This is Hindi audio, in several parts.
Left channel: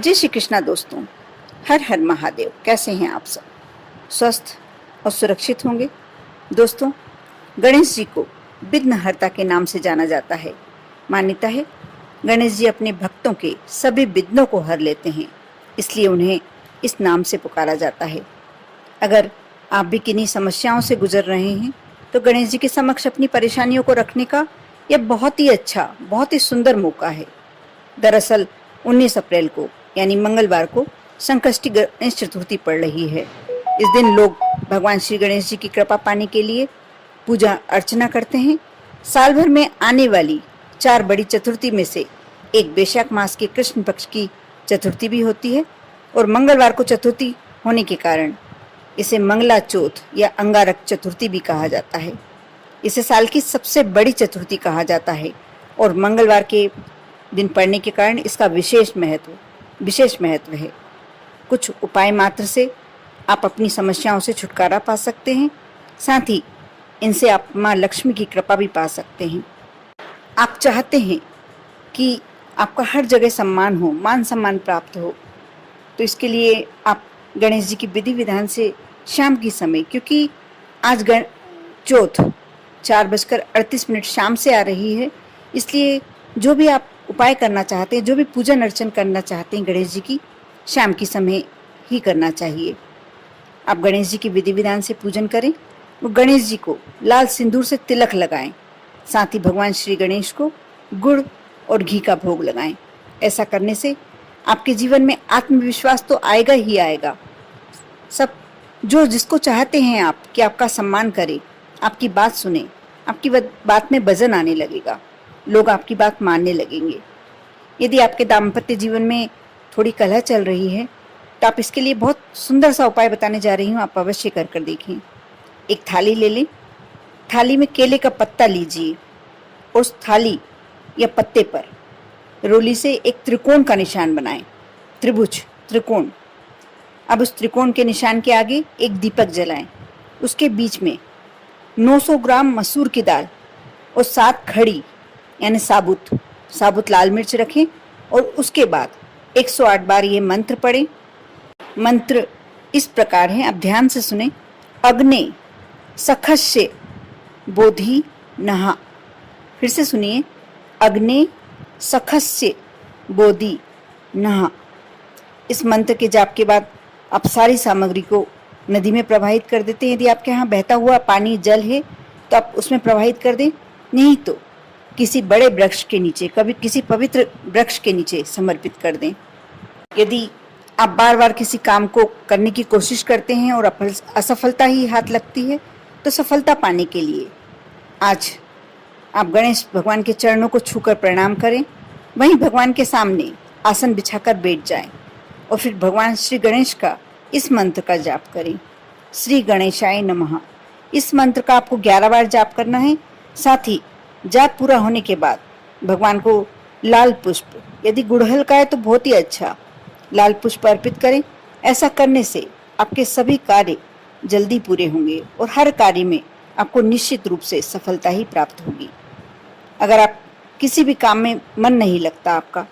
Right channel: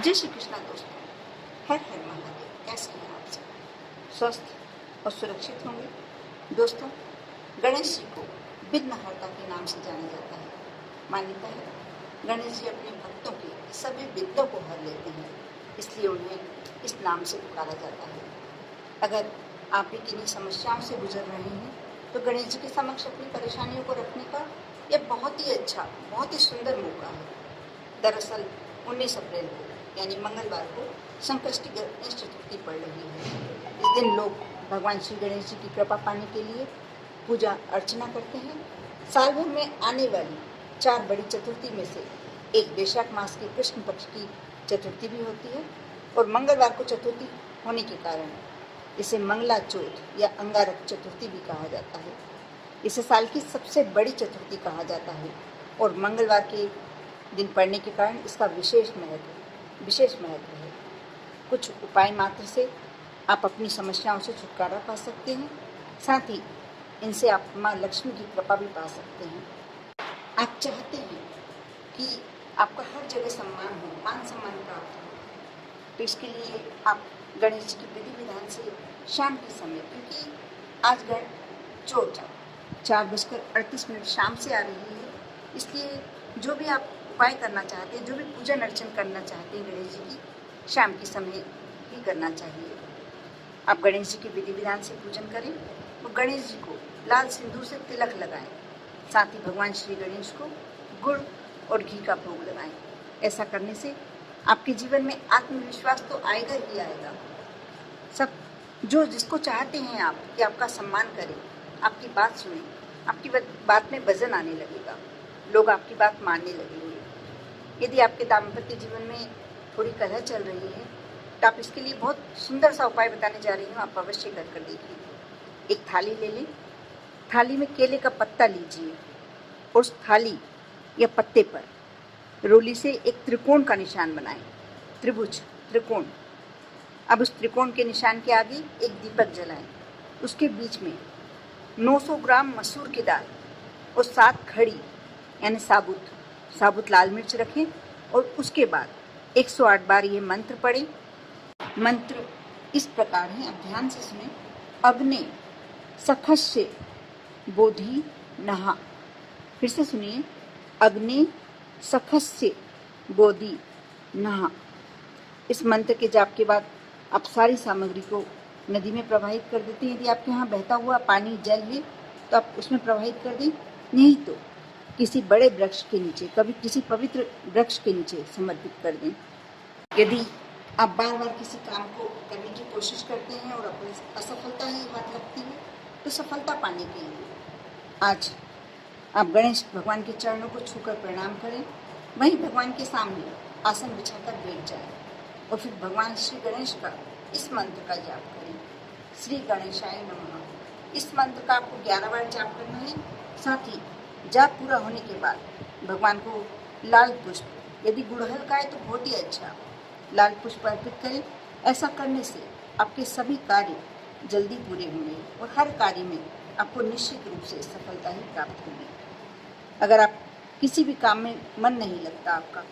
जय श्री कृष्णा दोस्तों। हर हर महादेव। कैसे हैं आप सब? स्वस्थ और सुरक्षित होंगे। दोस्तों, गणेश जी को विघ्नहर्ता के नाम से जाना जाता है। मान्यता है गणेश जी अपने भक्तों के सभी विघ्नों को हर लेते हैं, इसलिए उन्हें इस नाम से पुकारा जाता है। अगर आप भी किन्हीं समस्याओं से गुजर रहे हैं तो गणेश जी के समक्ष अपनी परेशानियों को रखने का यह बहुत ही अच्छा, बहुत ही सुंदर मौका है। दरअसल 19 अप्रैल को यानी मंगलवार को संकष्टी गणेश चतुर्थी पड़ रही है। इस दिन लोग भगवान श्री गणेश जी की कृपा पाने के लिए पूजा अर्चना करते हैं। साल भर में आने वाली 4 बड़ी चतुर्थी में से एक वैशाख मास के कृष्ण पक्ष की चतुर्थी भी होती है और मंगलवार को चतुर्थी होने के कारण इसे मंगला चौथ या अंगारक चतुर्थी भी कहा जाता है। इसे साल की सबसे बड़ी चतुर्थी कहा जाता है और मंगलवार के दिन पड़ने के कारण इसका विशेष महत्व है। कुछ उपाय मात्र से आप अपनी समस्याओं से छुटकारा पा सकते हैं, साथ ही इनसे आप माँ लक्ष्मी की कृपा भी पा सकते हैं। आप चाहते हैं कि आपका हर जगह सम्मान हो, मान सम्मान प्राप्त हो, तो इसके लिए आप गणेश जी की विधि विधान से शाम की समय, क्योंकि आज चौथ 4:38 शाम से आ रही है, इसलिए जो भी आप उपाय करना चाहते हैं, जो भी पूजन अर्चन करना चाहते हैं गणेश जी की, शाम की समय ही करना चाहिए। आप गणेश जी की विधि विधान से पूजन करें और गणेश जी को लाल सिंदूर से तिलक लगाएं। साथ ही भगवान श्री गणेश को गुड़ और घी का भोग लगाएं। ऐसा करने से आपके जीवन में आत्मविश्वास तो आएगा ही आएगा। सब जो जिसको चाहते हैं आप कि आपका सम्मान करे, आपकी बात सुने, आपकी बात में वजन आने लगेगा, लोग आपकी बात मानने लगेंगे। यदि आपके दाम्पत्य जीवन में थोड़ी कलह चल रही है तो आप इसके लिए बहुत सुंदर सा उपाय बताने जा रही हूँ, आप अवश्य कर देखें। एक थाली ले लें, थाली में केले का पत्ता लीजिए, उस थाली या पत्ते पर रोली से एक त्रिकोण का निशान बनाएं, त्रिभुज त्रिकोण। अब उस त्रिकोण के निशान के आगे एक दीपक जलाएं, उसके बीच में 900 ग्राम मसूर की दाल और 7 खड़ी यानी साबुत लाल मिर्च रखें और उसके बाद 108 बार ये मंत्र पढ़ें। मंत्र इस प्रकार है, आप ध्यान से सुने। अग्ने सखस्य बोधि नहा। फिर से सुनिए, अग्ने सखस्य बोधि नहा। इस मंत्र के जाप के बाद आप सारी सामग्री को नदी में प्रवाहित कर देते हैं। यदि आपके यहाँ बहता हुआ पानी जल है तो आप उसमें प्रवाहित कर दें, नहीं तो किसी बड़े वृक्ष के नीचे, कभी किसी पवित्र वृक्ष के नीचे समर्पित कर दें। यदि आप बार बार किसी काम को करने की कोशिश करते हैं और असफलता ही हाथ लगती है, तो सफलता पाने के लिए आज आप गणेश भगवान के चरणों को छूकर प्रणाम करें, वहीं भगवान के सामने आसन बिछाकर बैठ जाएं और फिर भगवान श्री गणेश का इस मंत्र का जाप करें, श्री गणेशाय नमः। इस मंत्र का आपको 11 बार जाप करना है। साथ ही जाप पूरा होने के बाद भगवान को लाल पुष्प, यदि गुड़हल का है तो बहुत ही अच्छा, लाल पुष्प अर्पित करें। ऐसा करने से आपके सभी कार्य जल्दी पूरे होंगे और हर कार्य में आपको निश्चित रूप से सफलता ही प्राप्त होगी। अगर आप किसी भी काम में मन नहीं लगता आपका,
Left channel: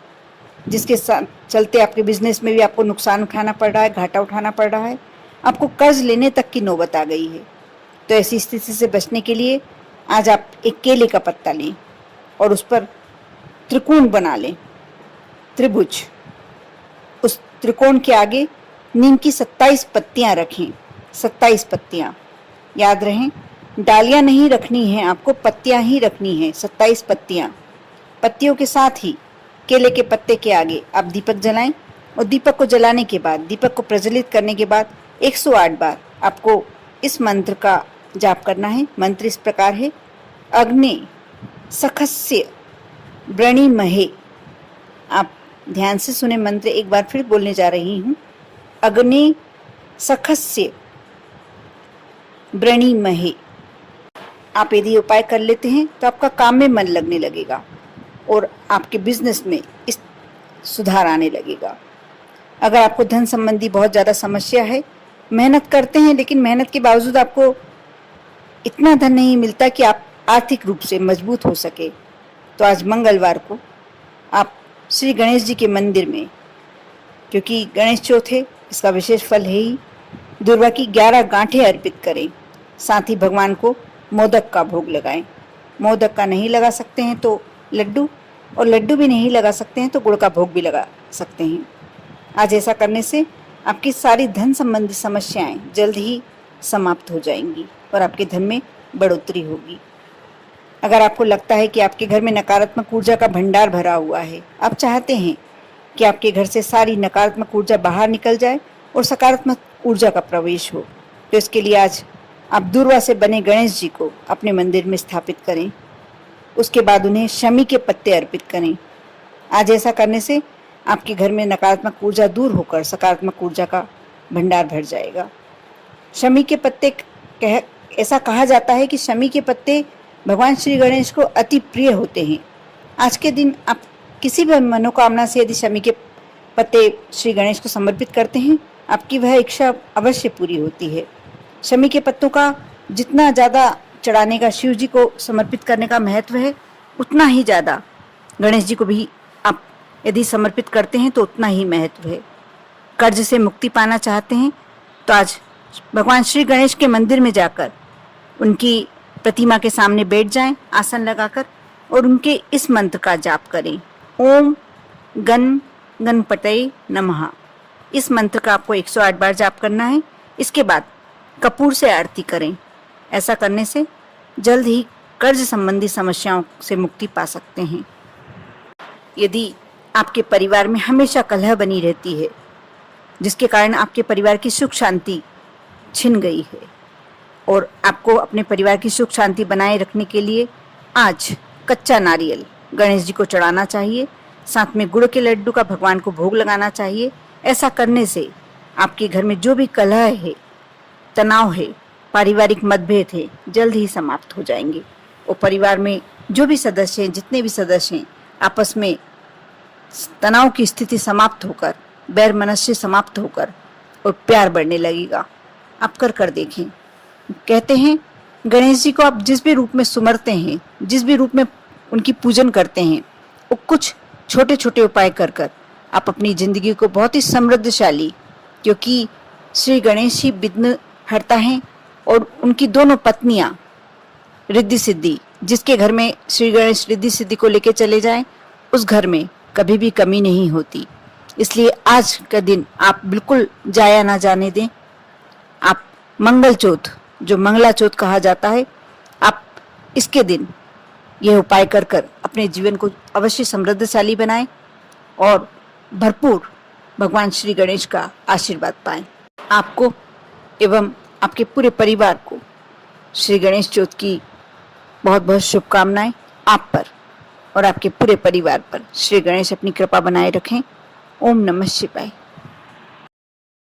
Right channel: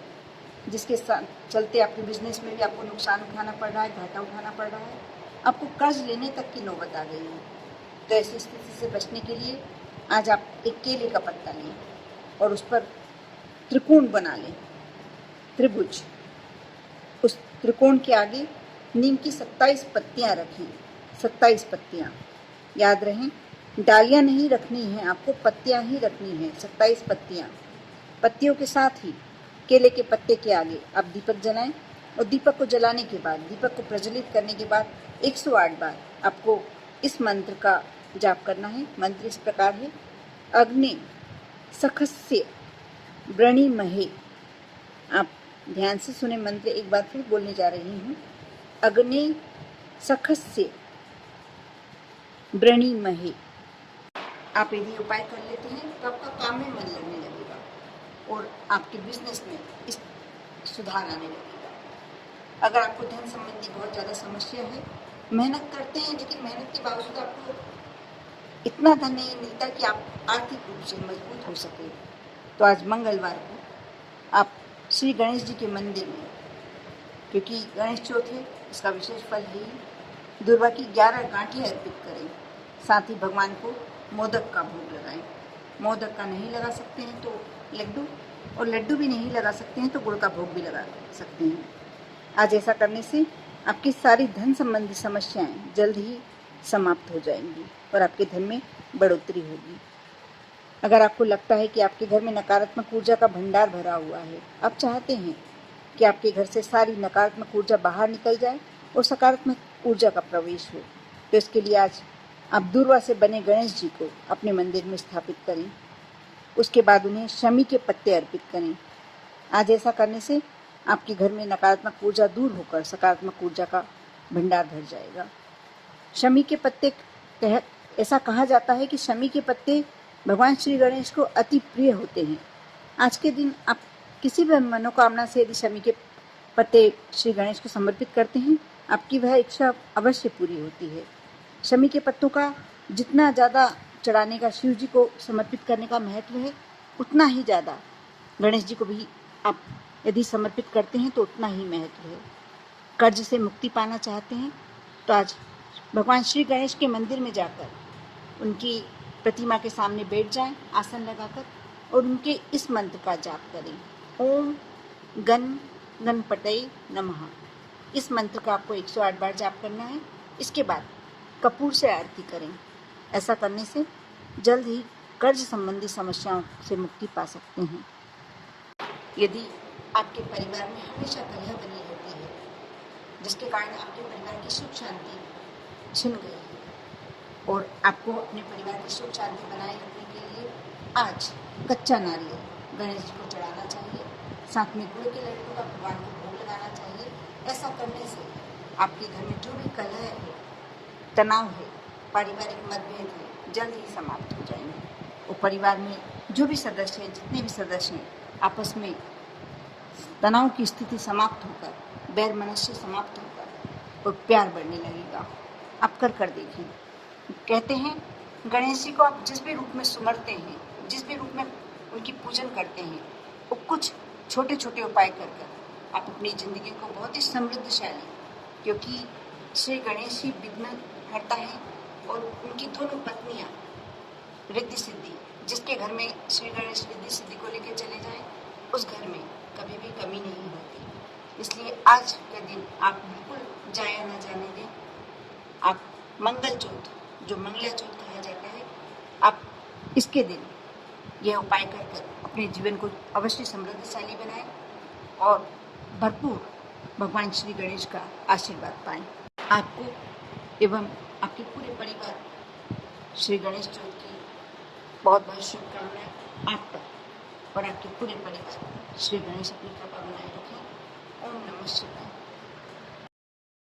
जिसके चलते आपके बिजनेस में भी आपको नुकसान उठाना पड़ रहा है, घाटा उठाना पड़ रहा है, आपको कर्ज लेने तक की नौबत आ गई है, तो ऐसी स्थिति से बचने के लिए आज आप एक केले का पत्ता लें और उस पर त्रिकोण बना लें, त्रिभुज। उस त्रिकोण के आगे नीम की 27 पत्तियां रखें, 27 पत्तियां। याद रहें, डालियां नहीं रखनी है आपको, पत्तियां ही रखनी है, 27 पत्तियां। पत्तियों के साथ ही केले के पत्ते के आगे आप दीपक जलाएं और दीपक को जलाने के बाद, दीपक को प्रज्वलित करने के बाद 108 बार आपको इस मंत्र का जाप करना है। मंत्र इस प्रकार है, अग्नि सखस्य व्रणिमहे। आप ध्यान से सुने, मंत्र एक बार फिर बोलने जा रही हूँ, अग्नि सखस्य व्रणिमहे। आप यदि उपाय कर लेते हैं तो आपका काम में मन लगने लगेगा और आपके बिजनेस में इस सुधार आने लगेगा। अगर आपको धन संबंधी बहुत ज़्यादा समस्या है, मेहनत करते हैं लेकिन मेहनत के बावजूद आपको इतना धन नहीं मिलता कि आप आर्थिक रूप से मजबूत हो सके, तो आज मंगलवार को आप श्री गणेश जी के मंदिर में क्योंकि गणेश चौथ है, इसका विशेष फल है ही। दुर्वा की 11 गांठें अर्पित करें। साथ ही भगवान को मोदक का भोग लगाएं। मोदक का नहीं लगा सकते हैं तो लड्डू, और लड्डू भी नहीं लगा सकते हैं तो गुड़ का भोग भी लगा सकते हैं। आज ऐसा करने से आपकी सारी धन संबंधी समस्याएं जल्द ही समाप्त हो जाएंगी और आपके धन में बढ़ोतरी होगी। अगर आपको लगता है कि आपके घर में नकारात्मक ऊर्जा का भंडार भरा हुआ है, आप चाहते हैं कि आपके घर से सारी नकारात्मक ऊर्जा बाहर निकल जाए और सकारात्मक ऊर्जा का प्रवेश हो, तो इसके लिए आज आप दूर्वा से बने गणेश जी को अपने मंदिर में स्थापित करें। उसके बाद उन्हें शमी के पत्ते अर्पित करें। आज ऐसा करने से आपके घर में नकारात्मक ऊर्जा दूर होकर सकारात्मक ऊर्जा का भंडार भर जाएगा। शमी के पत्ते ऐसा कहा जाता है कि शमी के पत्ते भगवान श्री गणेश को अति प्रिय होते हैं। आज के दिन आप किसी भी मनोकामना से यदि शमी के पत्ते श्री गणेश को समर्पित करते हैं, आपकी वह इच्छा अवश्य पूरी होती है। शमी के पत्तों का जितना ज़्यादा चढ़ाने का, शिव जी को समर्पित करने का महत्व है, उतना ही ज़्यादा गणेश जी को भी आप यदि समर्पित करते हैं तो उतना ही महत्व है। कर्ज से मुक्ति पाना चाहते हैं तो आज भगवान श्री गणेश के मंदिर में जाकर उनकी प्रतिमा के सामने बैठ जाएं, आसन लगाकर, और उनके इस मंत्र का जाप करें, ओम गण गणपतये नमः। इस मंत्र का आपको 108 बार जाप करना है। इसके बाद कपूर से आरती करें। ऐसा करने से जल्द ही कर्ज संबंधी समस्याओं से मुक्ति पा सकते हैं। यदि आपके परिवार में हमेशा कलह बनी रहती है, जिसके कारण आपके परिवार की सुख शांति छिन गई है, और आपको अपने परिवार की सुख शांति बनाए रखने के लिए आज कच्चा नारियल गणेश जी को चढ़ाना चाहिए। साथ में गुड़ के लड्डू का भगवान को भोग लगाना चाहिए। ऐसा करने से आपके घर में जो भी कलह है, तनाव है, पारिवारिक मतभेद है, जल्द ही समाप्त हो जाएंगे। और परिवार में जो भी सदस्य हैं, जितने भी सदस्य हैं, आपस में तनाव की स्थिति समाप्त होकर, बैर मनस्य समाप्त होकर और प्यार बढ़ने लगेगा। आप कर देखें। कहते हैं गणेश जी को आप जिस भी रूप में सुमरते हैं, जिस भी रूप में उनकी पूजन करते हैं, वो कुछ छोटे छोटे उपाय कर आप अपनी जिंदगी को बहुत ही समृद्धशाली, क्योंकि श्री गणेश ही विघ्न हरता हैं, और उनकी दोनों पत्नियां रिद्धि सिद्धि, जिसके घर में श्री गणेश रिद्धि सिद्धि को लेके चले जाएं, उस घर में कभी भी कमी नहीं होती। इसलिए आज का दिन आप बिल्कुल जाया ना जाने दें। आप मंगल चौथ, जो मंगला चौथ कहा जाता है, आप इसके दिन यह उपाय कर अपने जीवन को अवश्य समृद्धशाली बनाएं और भरपूर भगवान श्री गणेश का आशीर्वाद पाएं। आपको एवं आपके पूरे परिवार को श्री गणेश चौथ की बहुत बहुत शुभकामनाएं। आप पर और आपके पूरे परिवार पर श्री गणेश अपनी कृपा बनाए रखें। ओम नमः शिवाय।